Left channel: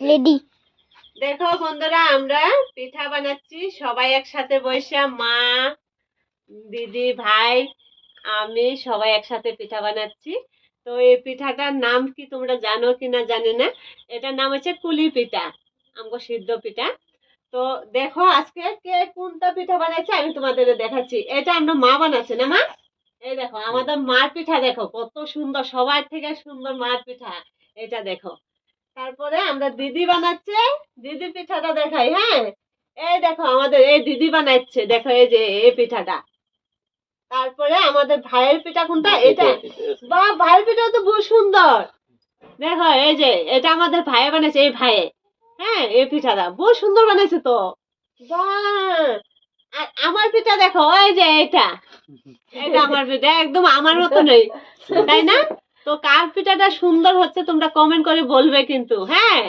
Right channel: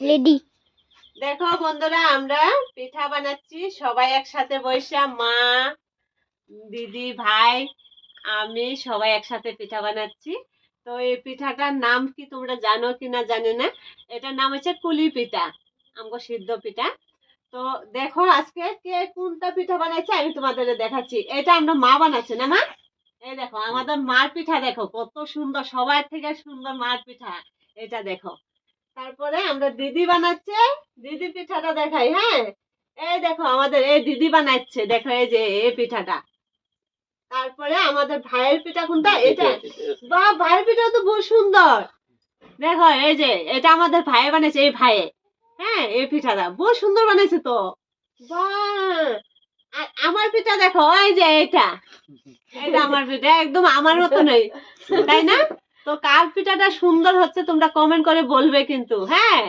Ready. দেখো বন্ধুরা, আমরা পিঠা বানাচ্ছি সবাই একসাথে বসে, মা, দিদি, ভাই, আমি সবাই একসাথে পিঠা বানাচ্ছি। তো এই পিঠাটার নাম কি তোমরা জানো কিনা জানি না। এটার নাম হচ্ছে কুলি পিঠা, আমগো সিদ্ধ পিঠা। তো দেখো আজকে কে কোনটা পিঠা বানাচ্ছে আমি তোমাদের দেখাচ্ছি। এটা আমরা মা বানাচ্ছে না মা? এই দেখো আমাদের মার পিঠা, দেখো কত সুন্দর, সবার থেকে সুন্দর মার পিঠা। এটা দেখো। তারপরে আমরা দিদি বানাচ্ছে, দিদি পিঠাটা দেখাই। হ্যাঁ, এই দেখো আমাদের এই দিদি বানাচ্ছে, দেখো এই যে এই পিঠাটা। তারপরে আমাদের ভাইয়ের পিঠা কোনটা? এটা। বাহ, ভাইয়ের পিঠা তো বহু সুন্দর। দেখো এই যে এটা আমাদের ভাইয়ে বানাইছে, এই ভাইয়ে। হ্যাঁ, এই পিঠাটা বহু সুন্দর বানাইছে তো। বাহ, আর আমার পিঠা দেখো, এই যে এটা, এটা আমার পিঠা একদম আমার মতনই, তাই না? তো কার পিঠাটা সুন্দর হচ্ছে তোমরা কমেন্ট করে বলবে কিন্তু। হ্যাঁ,